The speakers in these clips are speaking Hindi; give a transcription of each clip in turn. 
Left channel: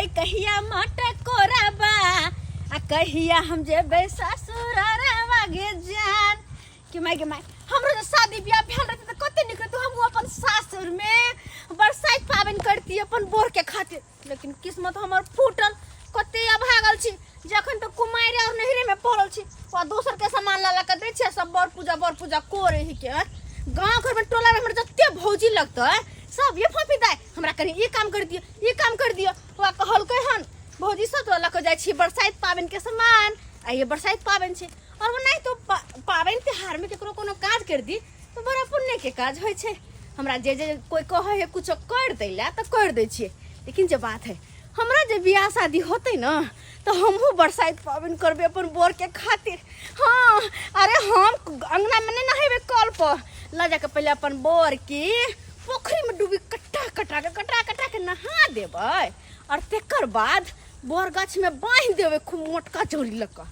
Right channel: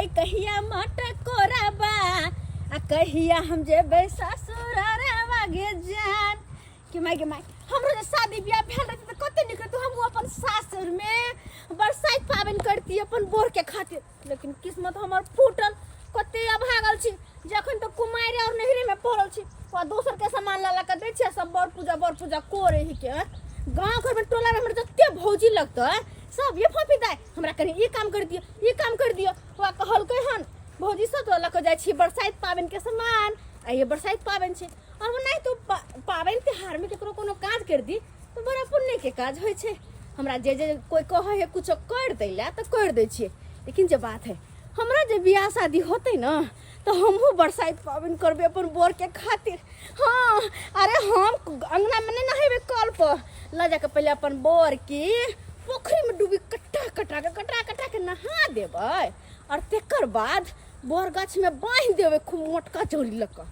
गई कहिया मटकोराबा आ कहिया हम जेबे ससुरारा गे जान कि माय हमरो जे शादी ब्याह भेल रहते त कते निक रहते हम अपन सासुर में बरसाइत पाबन करती अपन बोर के खातिर लेकिन किस्मत हमर फूटल कते अभागल छी जखन तो कुमारी और नहरे में पड़ल छी और दोसर के सामान ला के दै छै सब बर पूजा करे ही के गांव घर में टोला में हमर जत्ते भौजी लगत सब ये फोफी दाय हमरा कनी ई काम कर दियो वा कहलकै हन भौजी सब तो लक जाय छी बरसाइत पाबन के सामान आ ये बरसाइत पाबन छै और नहीं तो पाबन त्योहार में केकरो कोनो काज कर दी तो बड़ा पुण्य के काज होय छै हमरा जे कोई कहे है कुछ कर दैला तो कर दै छियै लेकिन जे बात है हमरा जे बियाह शादी होते ना तो हमहू बरसाइत पाबन करबे अपन बोर के खातिर हाँ अरे हम अंगना में नहीं नहेबे कल पर ला जाके पहले अपन बोर की पोखरी में डूबी कटा के नहा देबै और तेकर बाद बोर गाछ में बांध देबै खूब मोटका चोरी लगा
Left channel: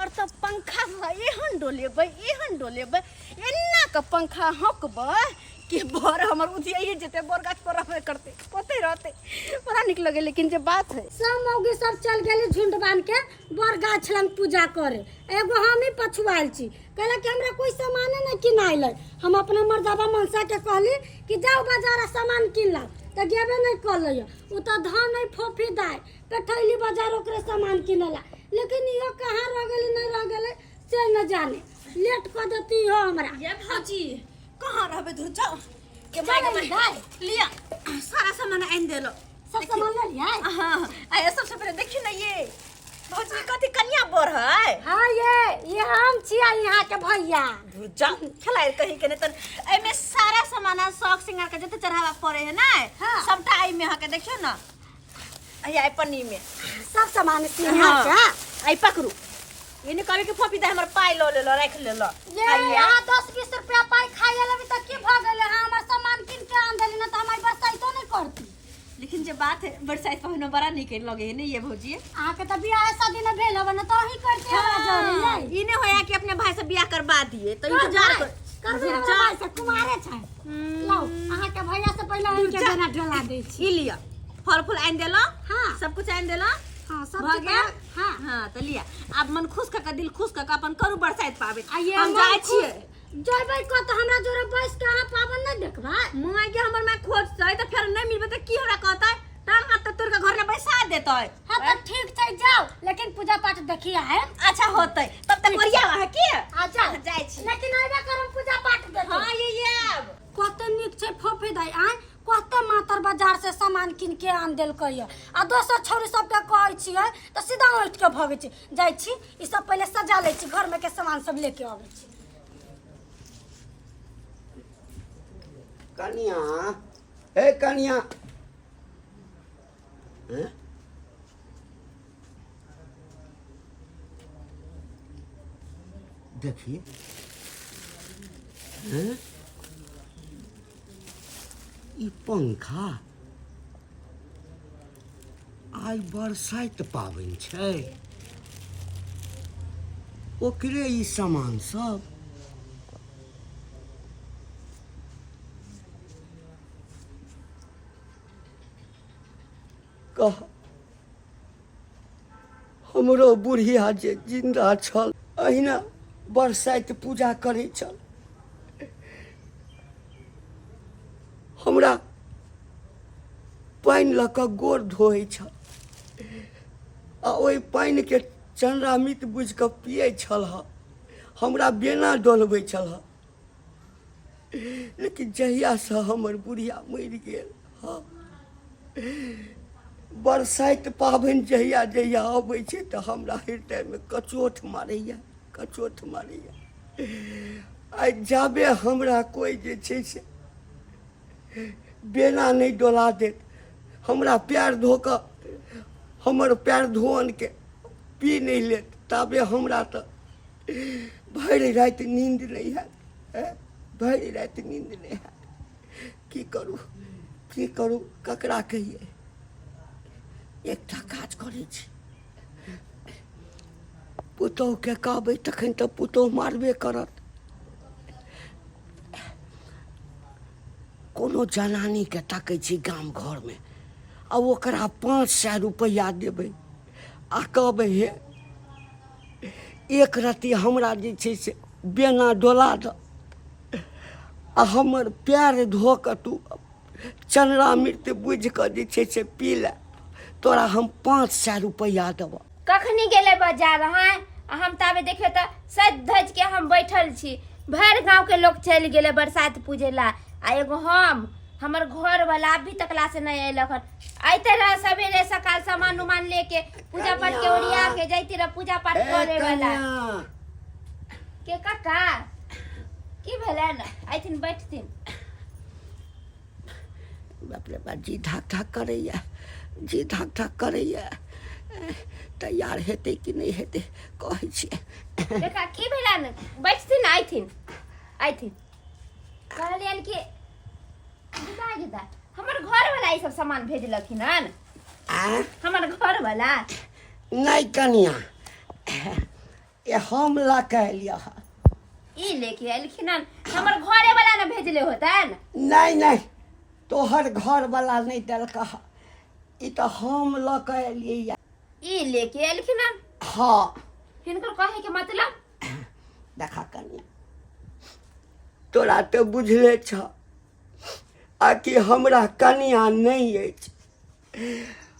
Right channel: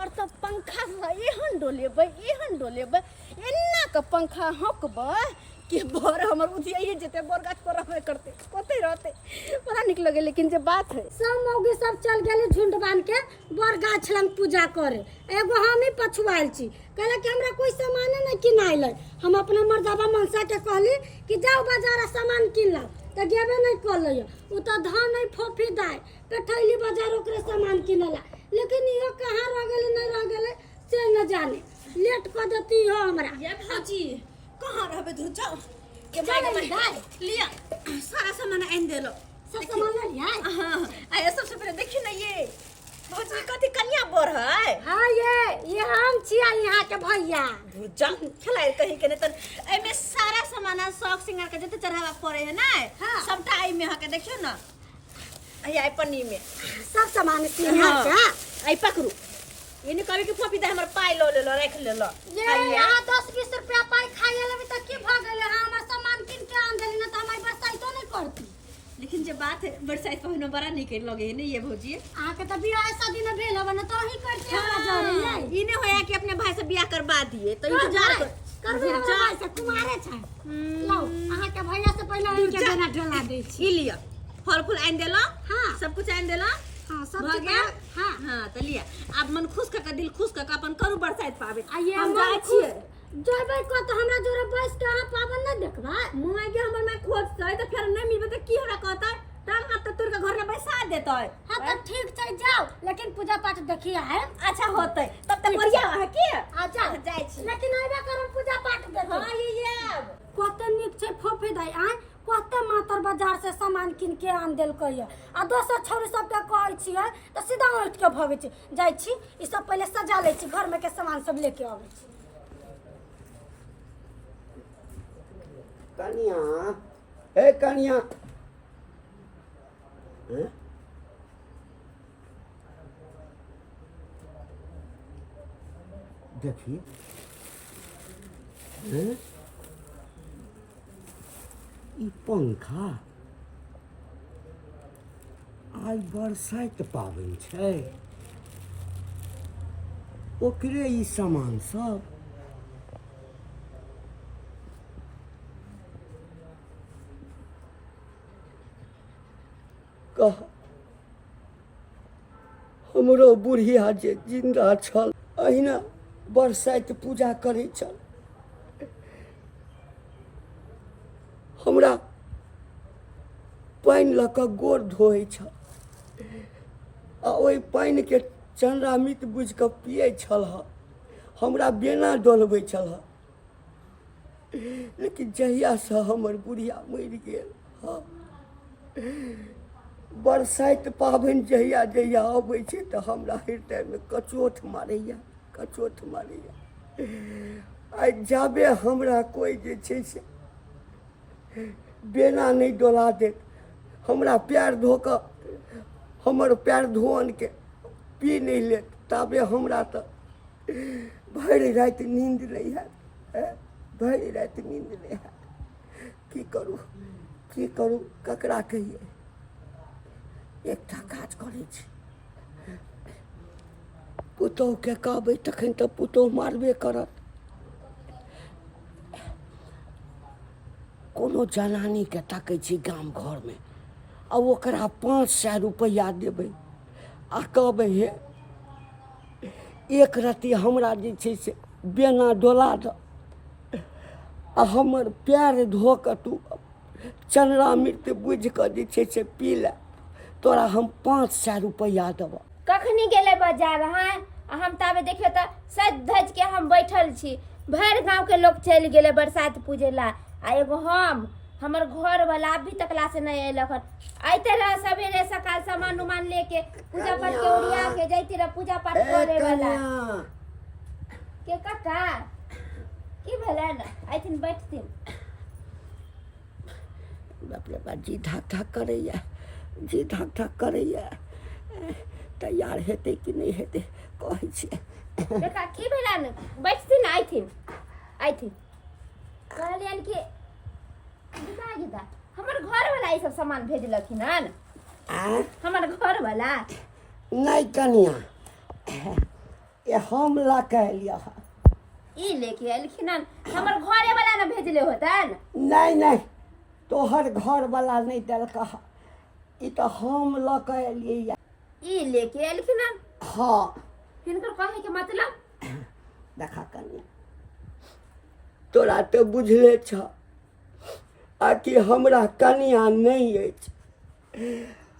और तब पंखा एहन डोलेबै एना के पंखा हकबै कि बोर हमर उधियाइए जेते बोर गाछ पर रहबे करते कते रहते बड़ा निक लगे लेकिन जे बात है सब मौगी सब चल गेली झुंड बांध के बोर गाछ लंग पूजा करे एगो हम ही पछुआल छी कहला कि हमरा कोई सामान नहीं किनाइल हम अपना मर्दाबा मनसा के कहली कि जाओ बाजार सामान किन ला त गेबे नहीं कर लियो उ त धान नहीं फोफी दाय कठैली बाजार ओकरे सामान किनला लेकिन इहो कहां रह गेली नहीं रह गेले से न जाने लेट कर देती हो हमरा ये भौजी कहां रहबे धु जाओ के माय लिया सारा सामान आइन देलो सब सामान ले लिया हां आ सबसे पहले देखी ना ये भौजी कथी कन्या बोर है हां ये हम छिया यहां के भैया धु जाओ खलाइ कहीं के त एमे सारा सामान शौक सिंगार के जते चढ़ावा पड़े है ना सबटा आई में के देखियो ना आई पन्नी में सब सामान सिंगार के आई पकड़ू ये नहीं कभी के फोपी दे हमर पाई लो ले लो रख ले लो ये यहां 10-20 रुपया पाई खाए लेबे त की भ गेले हमर सामान किन के आन देली न त हमारी बरसाइतो नहीं करती लेकिन जे बात है बरसाइत पहनो बड़ा निक लगे है नहीं ये भौजी आ के त बियाह शादी न भेल हबे न त ही करते हमरा जरे ई ने होया कि अपने भाई से बियाह करवा दिए तो इंतजार कर भाई से कुमारे छै लो अहा के भैया से पहले ही के देना ढला दे छी ई लिया फल फूल आइन देलो हां सब कुछ आइन देलो हां सब हो गया हां हां त लिया अब मन खुश का दिल खुश का अपन करू बरसाइत पाबे हम जाय छिए जइबै को त हमरा जोरे बैस के अहाँ पाबन नहीं देखबै मुंह के हमर मैं खोज छै त फिर नहीं मिलबे त की हमरा कहतै टांग त तोर के घर में बैसा देतै हां त ठीक छै जाओ लेकिन पूजा पाठ देखिया है अच्छा होतै तब तक बढ़िया है के आ जा जाय छी लेकिन आइबा करम पूजा पाठ देख हां ये कते निक छै फोफी दाई आन कते मातर बाजार से सामान किन के आन देल कहिया आ दोसर छोरी सब के कहै छियै त सीधा उठ के भगे छी जाय छी ई सब पहले सजा ले छी घर में के सामान सब लेके आबै छी कन्या ए कन्या हैं देखिए हैं ई पंखा आई बरसाइत पाबन छै ओकरे ई सामान सब कह हमरो बुढ़िया जे जिंदा छल अहिना बरसाइत पूजा करे छल हमरा पानि लऽ कऽ गोर धोइ छल आ ओहि पानि के चंद्रामित बुझि कऽ पियै छल हमरा बेना डोलबै छल लेकिन जहियासँ हमर बुढ़िया मरि गेल बरसाइत पाबनि जहिया जहिया अबै छै तऽ हमरा हृदयमे कचोट मारैया आइ जाबे हमरा कोइ जे छै से बेना नहीं डोला देत हमरा पैर धो कऽ हमर पैर धोअन के पी नहीं लेत ताबे हमरा तो भरि राति नींद नहीं हैत भरि राति नींद नहीं हैत की करू ककरा कहिए एकटा काज करै छी पुतोह के कहबै तखन तऽ पुतोह मारबे करत कोनो जनानी के ताकै छी गाम घर में आ ओकरा 500 रुपया देबै आ कहबै हे एक रत्ती हमरा जे छै से बेना डोला दऽ आ हमर पैर धो कऽ तू चन्नामृत बुझि कऽ जे छै से पी ले, तोरा हम 500 रुपया देबऽ। कखनी गेले बाजार हैं हम ताबे देखियो त सज धज के हम बैठल छी, भर गांव के लोग चल गेले बरसात पूजे ला, आ एगो हमर घर वाला अभी तकला से नहीं अयलक हन। आइते रह सवेरे सकाल सामान उमान लेके पूजा पाठ के ओरिया के जाइते रह पूजा पाठ करे वाला के काका की भेलै न आइथिन बैठथिन। बाप रे बाप जी धक धक करैया, जी धक धक करैया, तैयार हेतै कि नहीं हेतै कहै छियै। देखा की भेलै न बैठथिन आइथिन कहलियन कि गीता हमर घर वाला ई सब सामान भेजलखिन हन। हमर घर वाला नहीं कनिया ये हम ला के लिया ई लेके एलखिन हन, हमर घरे वाला न भेजले होतन। नहीं तोहर घर वाला नहीं देलक, ई तो हम ला के एलियै। ई लेके एलखिन हन। हाँ हिनकर कहे के मतलब देखा कनिया तोरा तो बुझले छ आ कि हमरा कनिया नहीं अछि।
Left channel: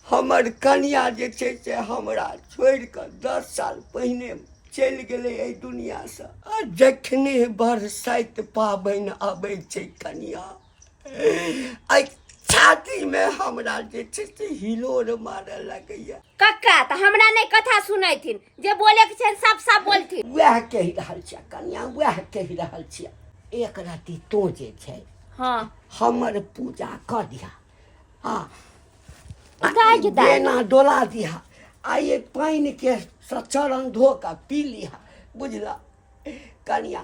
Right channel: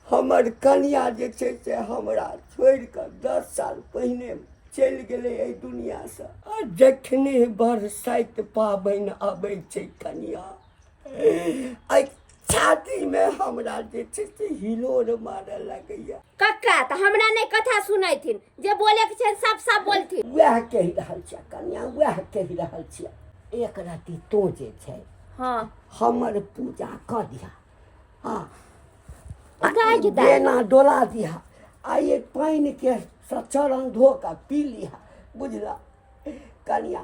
हमर कनिया जे छै से हमरा छोड़ कऽ 10 साल पहिने चलि गेलै एहि दुनिया से। आ जखने बरसाइत पाबनि आबै छै कनिया एहि छाती में हमरा जे छै से हिलोर मारऽ लगैया। कक्का त हमरा नहीं कथा सुनैथिन, जे बोले के छै सब सब बोलथिन। वएह कहि रहल छियै कनिया, वएह कहि रहल छियै। एक राति तो जे छै हाँ हमर पूजा कर दिया, हाँ गीता बेना डोला दिया, आ ये पानि के चरण धो के पी लिया, बुझला कनिया।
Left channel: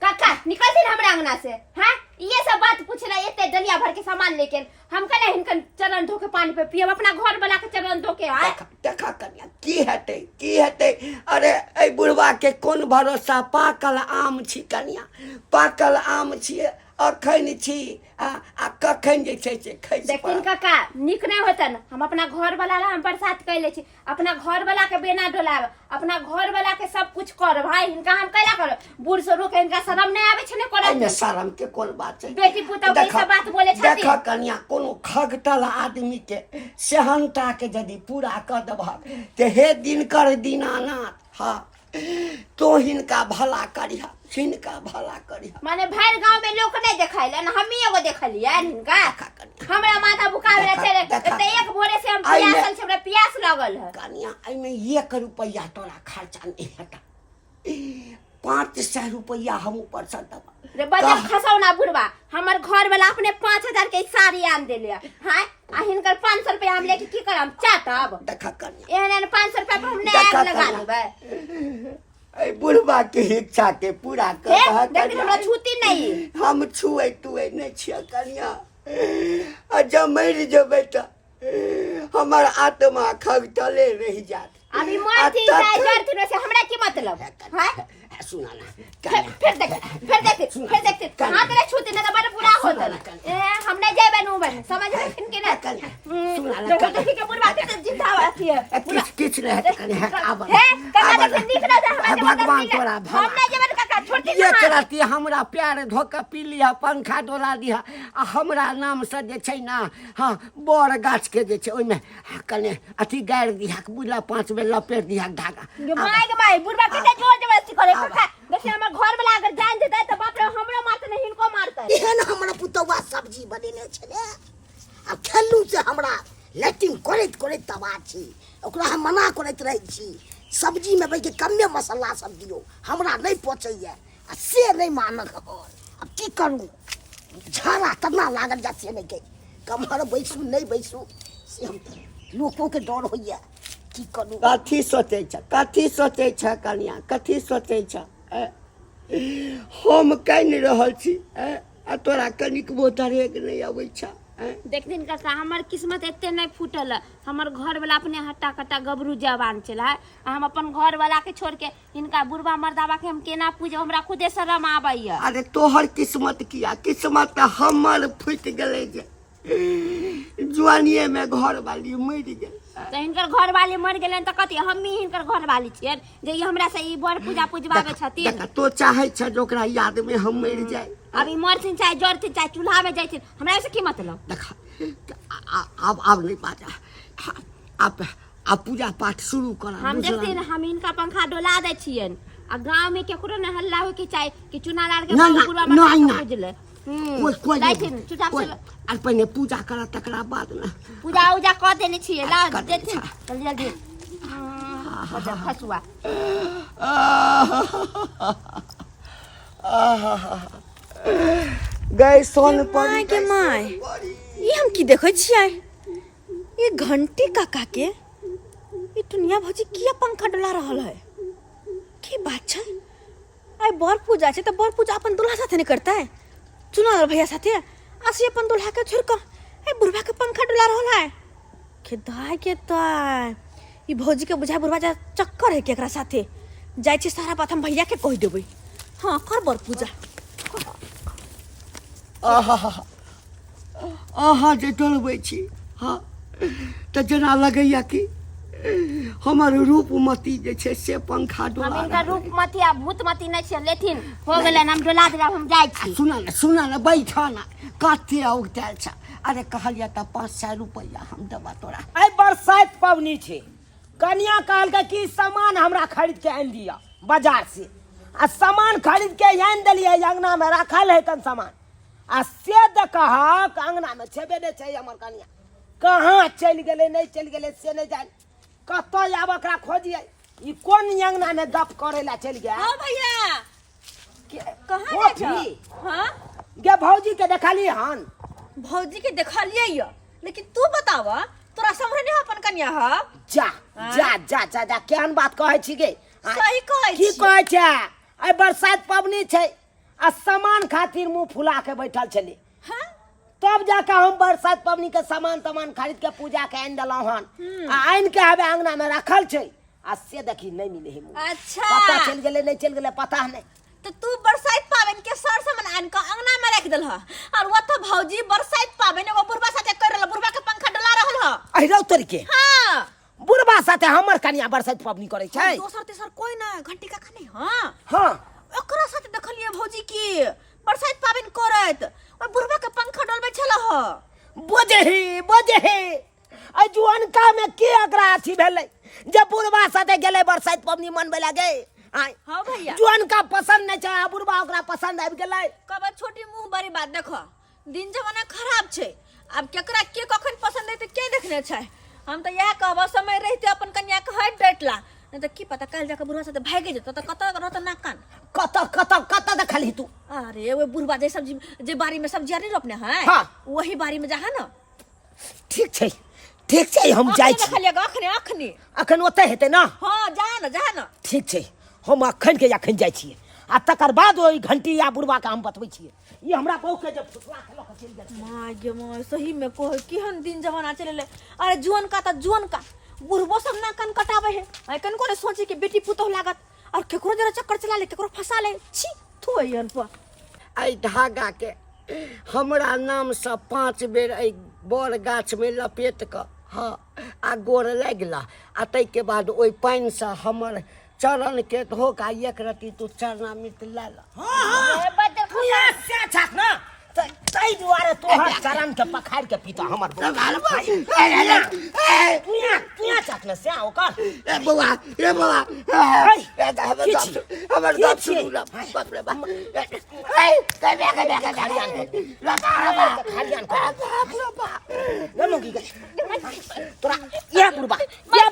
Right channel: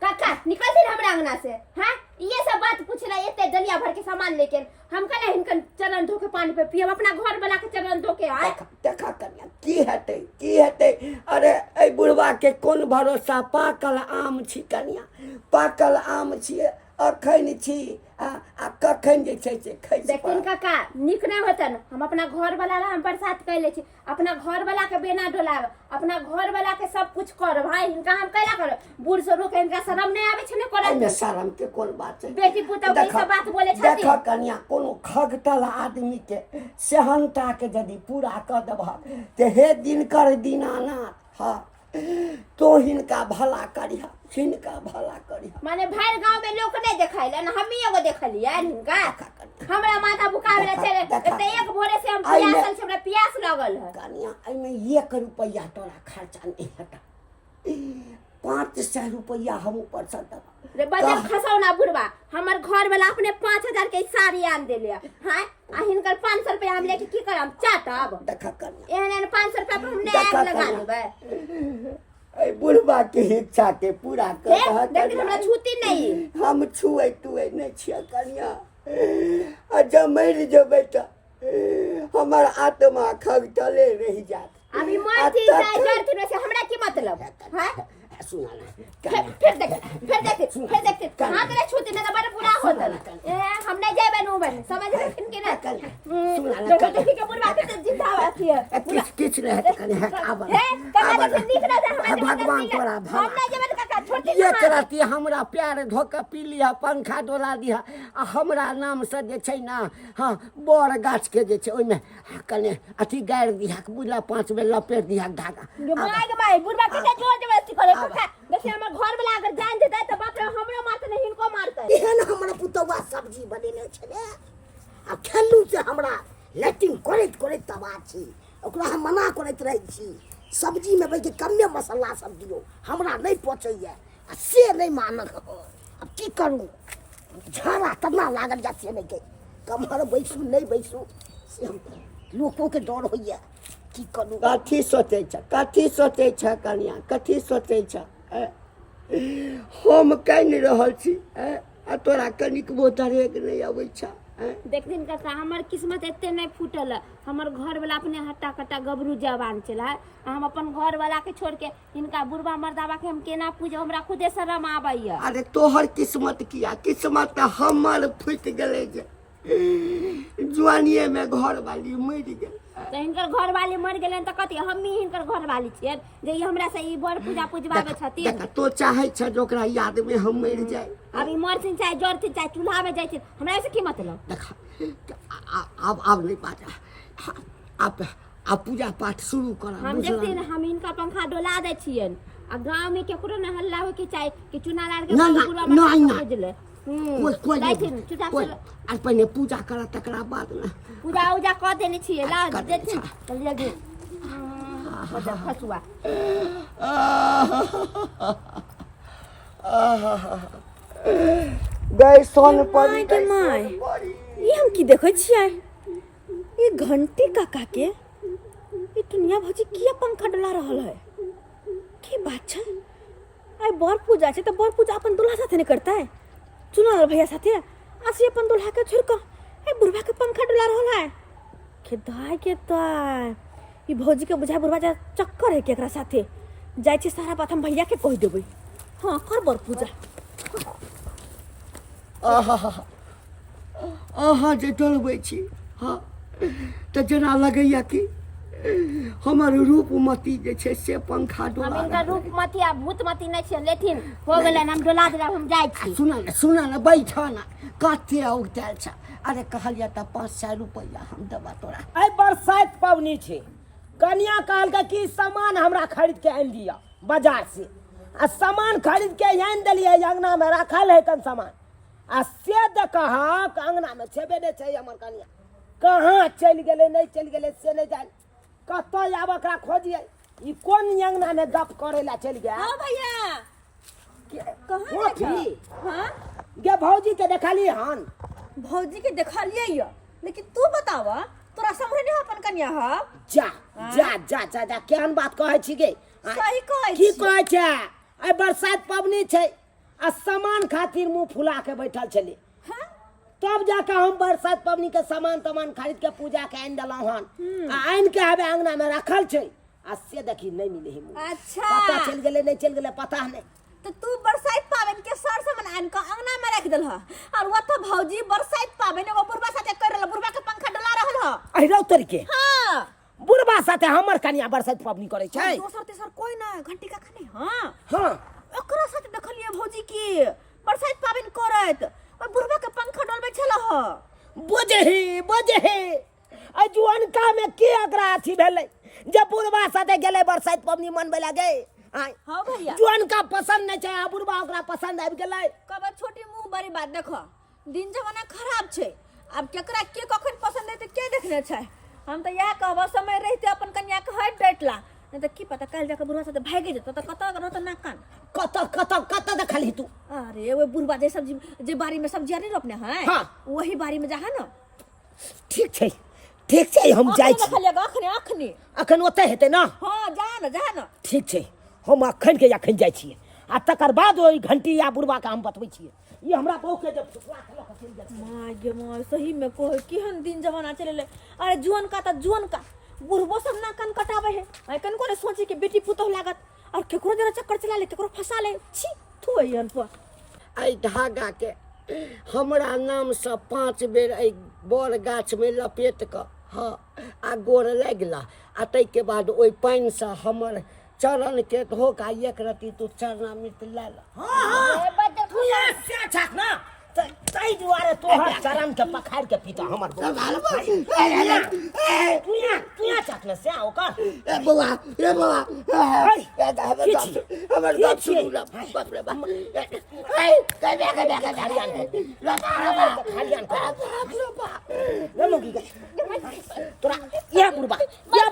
काका निकलथिन हमरा अंगना से। हाँ ये सब बात पूछला एते डलिया भर के सामान लेके हम कहले हिनकर चरण धो के पानी पे पियब, अपना घर वाला के चरण धो के आए। देखा कनिया की हेतै। अरे ए बुढ़वा के कोन भरोसा, पाकल आम छी कनिया, पाकल आम छियै, अखन छी आ कखन जे छै से खैस देखिन काका निक नहीं होतन। हम अपना घर वाला ला हम बरसात कैले छी, अपना घर वाला के बेना डोलाब, अपना घर वाला के सब कुछ कर भाई। हिनका हम कैला कर बूढ़ सरू के हिनका शरम नहीं आवे छै ने करे एमे शरम के कोन बात छै। बेटी पुतौ के सब बात बोले छथि। देखा कनिया कोनो खगटल आदमी के सेहनता के यदि पूरा कर देबह ते हे दिनकर दीनानाथ, हाँ तो हिनका भला करिहा, हिनका भला करिहा। माने भर गांव में लोग नहीं देखाइले न, हम ही एगो देखलिए हिनका। हमरा माथा बुखावे चले त एक भोरे से हम प्यासल छै, हमरा प्यास लागल है कनिया। एमे 1 रुपया तोरा खर्चा नहीं हेता, 500 रुपया हम ऊपर से देबा। रे बजर खसौना बुढ़वा, हमर घर वाला अपने 5000 के साड़ी आन देले। हां आ हिनकर 500 रुपया हम लेके की करम चाटब। देखा कनिया एहन 500 रुपया पर हम नहीं लगा देबै। ए बुढ़वा के इच्छा के पूरा कर दह। देख हमरा छूती नहीं, हम छुए तुए नहीं छिया कनिया। आ जब मर जेबै त हमर आत्मा खगटले रह जात। अभी मरती जाए जरती से हमरा की मतलब। हां सुना ना फिर देख हां तेरे छूती ना बड़ा बुरा होता ए हम नहीं जेबे नु बन समझ में फिन के ना सुना ना देखो देखी के बुढ़वा के जिंदा आती है किछ रहे कने आब भगवान तोरा भला। हम नहीं जेबे काका छोटी एक राती हमरा प्यार धोके पी लिया, पंखा डोला दिया, आ हमरा नाम से जे छै ना हाँ बड़ गाछ के जे छै ओइ में कने अथी गाड़ दिया, बुझला 5 बेर लपेट दिया धागा। माय बुढ़वा के जोर जबरदस्ती करे काका। देखिए हमर घर वाला अगर जान देता त बाप रे हमरो मारते नहीं हिनको मारते। एहन हमरा पुतौआ सब्जी बनेने छले आ खेलू से हमरा लेटिंग करैत तबाह छी, ओकरा हम मना करैत रहै छी सब्जी में के कमे मसाला सब दियो, हमरा नहीं पचैया आ से नहीं मानक हो। अब की करूं, झाड़ा तना लागल जाती नहीं के कमर बैसू नहीं बैसू से हम लोगों के डर होइया। की करूं कथी सोचै छ कनिया, कथी सोचै छ। हम कहि रहल छी आ तोरा कनिक बोतरेक नहीं अबै छ। देख दिन काका हमर किस्मत एते नहीं फूटल है। हमर घर वाला अपने हट्टा कट्टा गबरू जवान चला है, हम अपन घर वाला के छोड़ के इनका बुढ़वा मर्दावा के हम केना पूजे, हमरा खुदे शरम आबैया। अरे तोहर किस्मत किया, किस्मत हमर फूट गेलै जे जवानिए में घर वाली मर गेल। तो हिनकर घर वाली मर गेलन त कथी हमही हिनकर घर वाली छियन जे ई हमरा से ई बर पूजा पूजबावे छथिन। देख तो चाहे छ जो ओकरा याद में हम मर जाए। अब ई मरथिन चाहे जरथिन चाहे चूल्हा में जाइथिन हमरा से की मतलब। देख अब नहीं बाजा। अब पूजा पाठ शुरू कर। हम देखथिन हम हिनका पंखा डोला दै छियन आ गांव में केकरो न हल्ला हो के चाहे कि चुना लाड़ के पूरा मत बुझले। कोई जाइथिन चुपचाप से और पहले पूजा कर तकरा बाद ना पूजा उजा कर देने छिए ला देथिन जल्दी जल्दी फसुआ। गए सोन पर माय के माय ये हम की देखै छियै ये घंटी काका के ये दुनिया भौजी किया पंखा डोला रहल है की बात छै। आइ बर पूजा छै त बर पूजा अपन दुल्हा साथे नहीं करता है चुना भैया साथे आसी अपन दुल्हा के छोड़ कर ए बुढ़वा के पंखा डोला रहल है के दाय ई भौजी के बुझा बुढ़वा जा चक्कर है केकरा साथे जाय छी सारा बात हम भैया के कह देबै। हां कर बर पूजा। आहा जे डलबै छी हाँ तो जना लगैया कि हमर रूपमती जे छै से पंखा डोला। हम इनका रूपमती आ भूतमती नहीं छै लेथिन हो गेलन हम डोला देब हम जाय छी। सुना ना बैठ ना कते औगताल छ। अरे कहलिया त 500 रुपया हम देबा तोरा। आई बरसात पवनी छे कन्या काल के की सामान हमरा खरीद के आन दिया बाजार से आ सामान खरीद के आन देलिए अंगना में रखल है तन सामान आ से देखा अंगना में छेबे नहीं छै हमर कन्या कहाँ चल गेले नहीं चल गेले से नहीं जान कत आब ओकरा खोजिए ई कोन अंगना में गप करे ला चल गया। हां भैया कहां ओ जाइ फ्री। छ। हां गे भौजी के देखली हन भौजी के देखलिए य लेकिन तू बताव तोरा समझ नहीं अपन कन्या ह। जा जा जा जा जा केहन बात कहै छी गे। सही कहै की छी। कहै छै आई बरसात पवनी छै आ सामान खातिर मुंह फुला के बैठल छली हां तब जाके हम बरसात पवनी के सामान तमान खरीद के पूजा के आन देलहुं हन आ आन के हवे अंगना में रखल छै आ से देखी नहीं मिले है मुंह अच्छा पता चल गेले नहीं चल गेले पता नहीं। तो तू बरसात पावन के सर से मन आन के अंगना में रख देल ह और वो तो भौजी बरसात पावन एगो बुढ़वा साथे कर रहल बुढ़वा के पंखा डोला रहल ह। अहिरौ तरीके हां बुढ़बा साथे हमर कन्या बरसात पवनी करे छै। दोसर तेसर कोई ना घंटी का नहीं। हां हां ओकरा साथे देखलिए भौजी की बरसात पावन करत और बुढ़वा के पंखा डोलबे छल ह। बोझे आई जुअनका में के अकरा अथी भेलै जब बुढ़बा साथे गेले बरसात पवनी मनबे लागे आई हां भैया जुअनका पसंद नहीं छै आ बुढ़बा ओकरा पसंद आबि गेलै। कब छोटी मुंह बड़ी बात देखो दिन जमाना खराब छै अब केकरा के कखन पसंद है तो के देखने छै। हम तो यह कहब समय रहते अपन कन्या के हट डटला नहीं तो की पता कल जाके बुढ़वा साथे भागे जतो तो कत रहत ना कान कत देखली तू। अरे वो बुढ़वा जे सब्जी जे बारी में सब्जियां नहीं रोपने हैं हाँ। वही बारी में जाहा ना ठीक छै हम जाइ छी अखने अखने अखन ओते हेतै ना। हां जा ना ठीक छै हम अखन के अखन जाइ छियै आ तकर बाद ओइ घंटी या बुढ़वा के हम बतबै छियै ई हमरा बहु के जब फुसला के लक चल जाइ माय गे माय सही में कह केहन दिन जमाना चले अरे जुअन का बुढ़बो सब ना कान कटावे है आई कन को सोची के बेटी पुतोह लागत और केकरो जरा चक्कर चला ले केकरो फंसा ले छी थू एहन पर आई धागा के हमरा नाम से 5 बेर आई बड़ गाछ में लपेट क हाँ आ गोर लगला आ तै के बाद ओइ पानि से हमर चरण के धोक आ एक रति तू चरणामृत ले ल। हां तू यहाँ से छाक ना तै दुआरे तोहर चरण के पखार के पीता हमर तू यहाँ छाक ना से ओकर ए बौआ हमर बाप सुनू ना बाप रे बाप ए कबे खालियान न मुगी तोरा या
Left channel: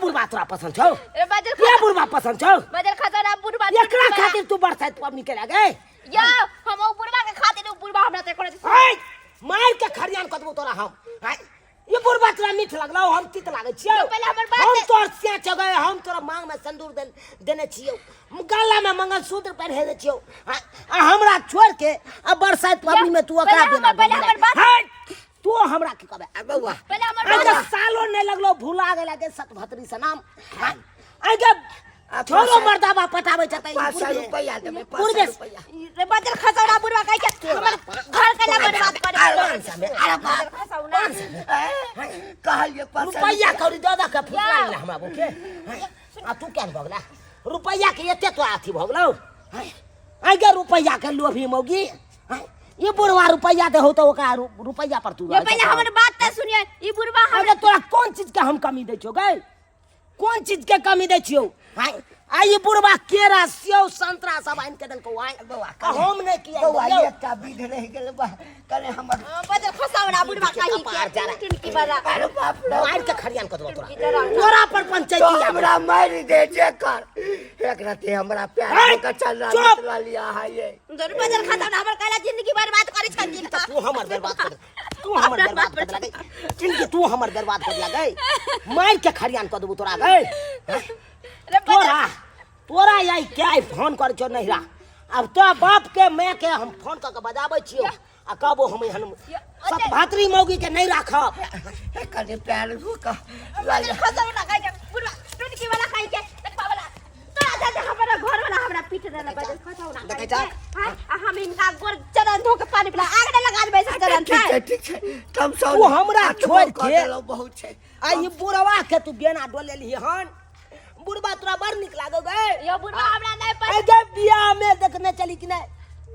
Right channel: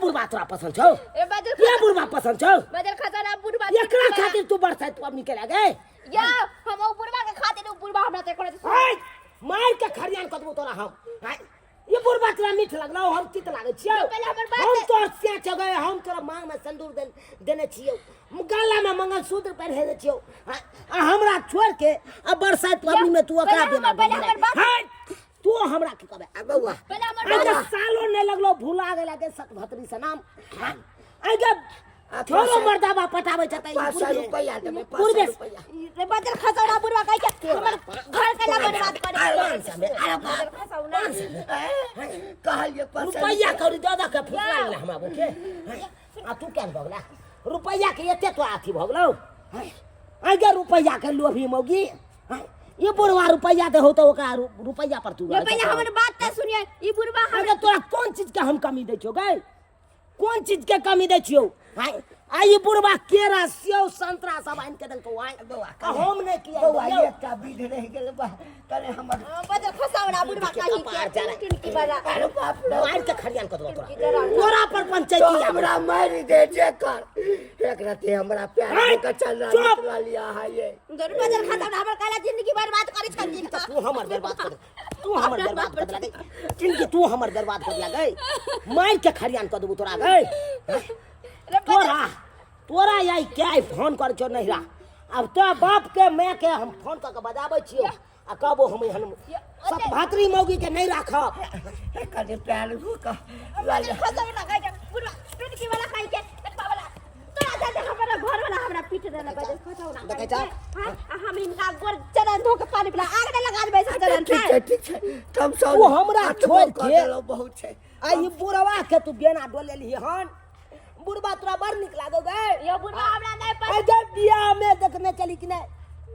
बुढ़बा तोरा पसंद छौ या बुढ़बा पसंद छौ बदल खजाना बुढ़वा एकरा खातिर तू बरसात पवनी के लागे या हम बुढ़वा के खातिर बुढ़वा हमरा ते करे हाय मार के खरियान कतबो तोरा हम हाय ये बुढ़बा तोरा मीठ लगलौ हम तीत लागे छियौ पहले हमर बात हम तोर से चगे हम तोरा मांग में सिंदूर देने छियौ गला में मंगलसूत्र पहने दे छियौ आ हमरा छोड़ के अब बरसात पवनी में तू ओकरा देना हाय तू हमरा के कहबे बौआ पहले हमर अरे सालो नहीं लगलो भूला गेला के सतभतरी से नाम आगे छोरो मर्दाबा पटावे छतै 500 रुपया देबे, 500 पूर्वे रुपया। रे बदल खसौड़ा बुढ़वा कह के हमर घर के ना बर्बाद करे अरे बाप खसौड़ा कहलिए 500 रुपया कौड़ी दादा के फुसला ले हमरा बुके आ तू केन भगला रुपया के एते तो आथी भगलौ आगे रुपया के लोभी मौगी ये बुढ़वा रुपया दे हो तो ओकरा रुपया पर तू ये पहले हमर बात त सुनिए ई बुढ़वा अरे तोरा कौन चीज के हम कमी दै छियो गै कौन चीज के कमी दै छियो आई बुढ़वा केरा सेव संतरा सब आइन के देलको आइ हम नै किया बौआ एकटा विध रह गेल बा करे हमर बदल खसौड़ा बुढ़वा कही के टिनकी वाला अरे बाप रे मार के खरियान कर दो तोरा पर पंचायती हमरा मार दे जे कर एक रात हमरा प्यार का चल रहा चला लिया है ये दर बदल खसौड़ा हमर काला जिंदगी बर्बाद करे छन तू हमर बर्बाद कर तू हमर बर्बाद कर लगे जिंदगी तू हमर बर्बाद कर लगे मार के खरियान कर दबो तोरा गए तोरा यही क्या फोन कर छो नहिरा अब तो बाप के मैं के हम फोन करके बजाबै छियो आ कहबो हम सब भातरी मौगी के नहीं राखब कने प्यार धोका लाल खसौड़ा कह के बुढ़वा टिनकी वाला कह के देखबा वाला तोरा जा हमरा घर वाला हमरा पीट देना बदल खसौड़ा देखे जा हम इनका गोर चरण धो के पानी पिला आग न लगा देबै से चरण ठीक है तब सब तू हमरा छोड़ के बहुत छै आई बुढ़वा के तू बेना डोले ली हन बुढ़वा तोरा बड़ निक लागो गए यो बुढ़वा हमरा नहीं पर अरे बियाह में देखने चली कि नहीं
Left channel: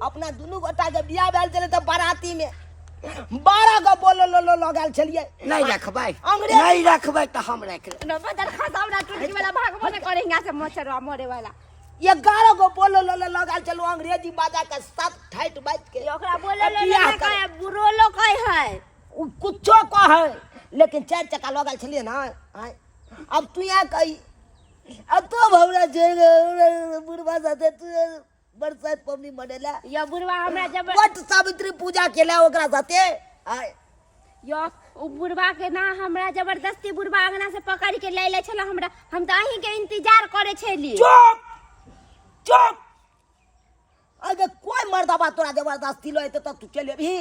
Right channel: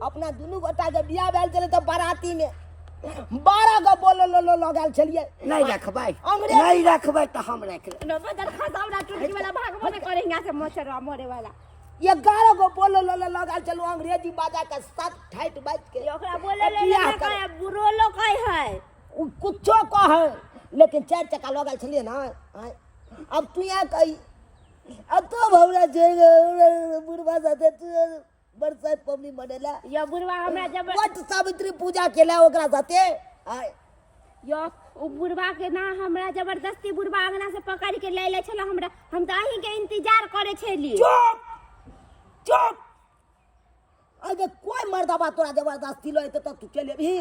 अपना दुनू गोटा के बियाह भेल चले तो बाराती में 12 गो बोलो लो लगाल चलिए नहीं रखबै नहीं रखबै तो हम रख ले न बदल खसौड़ा टिनकी वाला भागबो न करे हिंगा से मच्छर मरे वाला 11 गो बोलो लो लगाल चलो अंग्रेजी बाजा के साथ ठाट बाज के ओकरा बोले ले कहे बुरो लो कहे है कुछो कहे लेकिन 4 चक्का लगाल चलिए ना अब तू यहाँ कही अब तो भवरा जे बुढ़वा साथे तू बरसात पवनी मनेला यो बुढ़वा हमरा जब वट सावित्री पूजा केला ओकरा साथे यो उ बुढ़वा के ना हमरा जबरदस्ती बुढ़वा अंगना से पकड़ के ले ले छला हमरा हम त अही के इंतजार करे छली चुप चुप अगर कोई मर्दाबा तोरा जबरदस्ती लो तो तू चले भी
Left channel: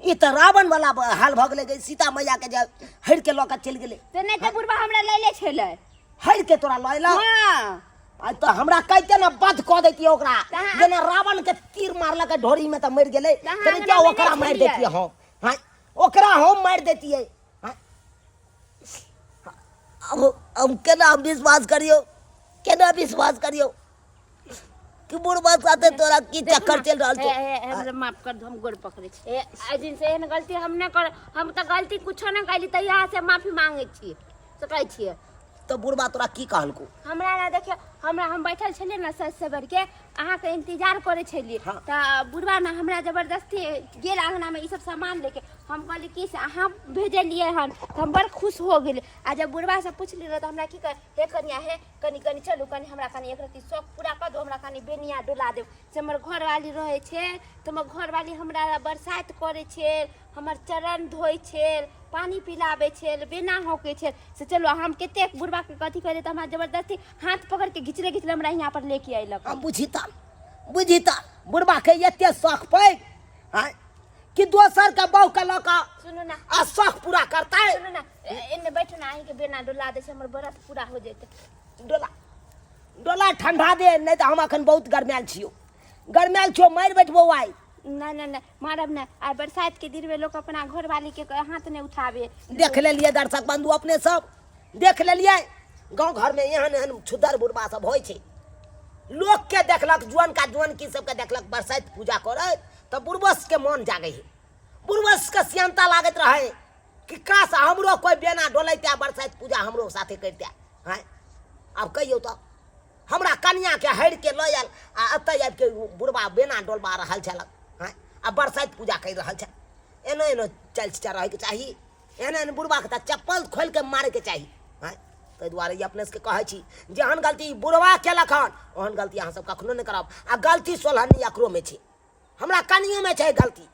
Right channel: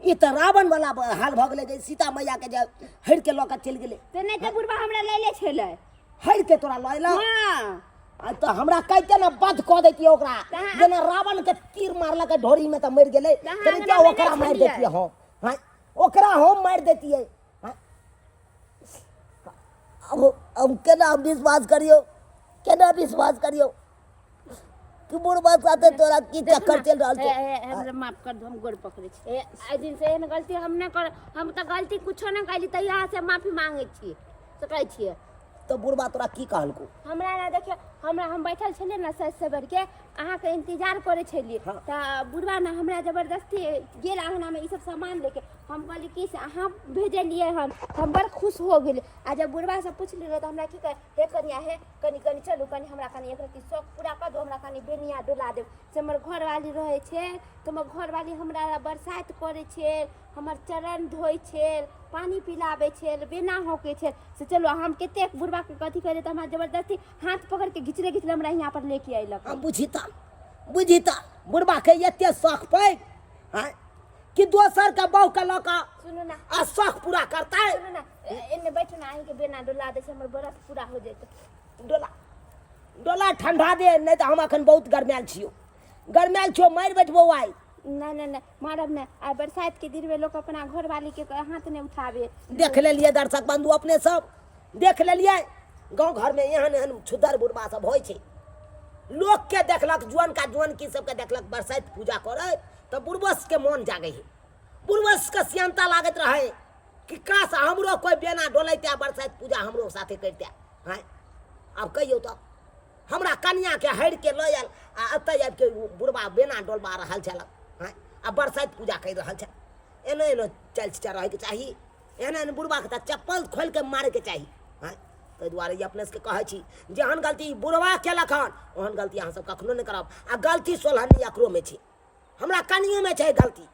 ई त रावण वाला हाल भ गेले गई सीता मैया के जे हड़ के लौका चल गेले ते नहीं त बुढ़वा हमरा ले ले छले हड़ के तोरा लैला हां आ तो हमरा कहते ना बध क देती ओकरा जेना रावण के तीर मारला के ढोरी में त मर गेले तने क्या ओकरा मार देती हो हां ओकरा हम मार देती है अब केना विश्वास करियो कि बुढ़वा साथे तोरा की चक्कर चल रहल छै हमरा माफ कर दो हम गोड़ पकड़े छी ए दिन से एहन गलती हम न कर हम त गलती कुछो न कैली त यहाँ से माफी मांगे छी तो कहै छिए तो बुढ़वा तोरा की कहलको हमरा ना देखियो हमरा हम बैठल छलिए ना सज सबर के अहाँ के इंतजार करे छलिए त बुढ़वा ना हमरा जबरदस्ती गेल अंगना में ई सब सामान लेके हम कहली कि से अहाँ भेजलिए हन तो हम बड़ खुश हो गेल आ जब बुढ़वा से पूछली रह तो हमरा की कहे हे कनिया हे कनी कनी चलू कनी हमरा कनी एक रती शौक पूरा कर दो हमरा कनी बेनिया डोला देब से हमर घरवाली रहे छे तो हमर घरवाली हमरा बरसात करे छे हमर चरण धोइ छे पानी पिलाबे छे बेना होके छे से चलो हम केते बुढ़वा के कथी करे त हमरा जबरदस्ती हाथ पकड़ के घिचले हमरा यहाँ पर लेके आइलक हम बुझिता बुढ़वा के एते शौक पे कि दोसर के बहू के लका सुनो ना आ शौक पूरा करता है सुनो ना इन्ने बैठो ना अहीं के बेना डोला दे से हमर व्रत पूरा हो जेते डोला ठंडा दे नहीं तो हम अखन बहुत गरमायल छियो मार बैठबो आई ना ना ना मारब ना आ बरसात के दिन में लोग अपना घर वाली के हाथ ने उठावे देख ले लिए दर्शक बंधु अपने सब देख ले लिए गांव घर में एहन छुदर बुढ़वा सब होय छे लोग के देखलक जुआन का जुआन की सब के देखलक बरसात पूजा करे तो बुढ़वस के मन जागे है बुढ़वस के सियंता लागत रहे कि काश हमरो कोई बेना डोलैते बरसात पूजा हमरो साथे करते हैं अब कहियो तो हमरा कन्या के हड़ के लयल आ अतय आबि के बुढ़वा बेना डोलबा रहल छलक हैं आ बरसात पूजा कर रहल छ एनो चल रहे के चाहिए एहन बुढ़वा के चप्पल खोल के मारे के चाहिए हैं ताहि दुआरे ई अपने से कहै छी जेहन गलती बुढ़वा केलक हन ओहन गलती अहाँ सब कखनो नहीं करब आ गलती सोलहनी एकरो में छै हमरा कनियो में छै गलती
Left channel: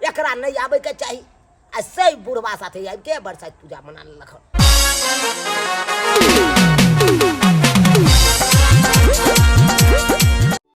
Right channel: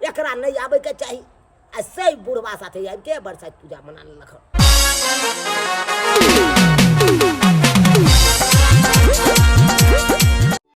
एकरा नहीं आबै के चाहिए आ सही बुढ़वा साथे आबि के बरसात पूजा मना लेलक हन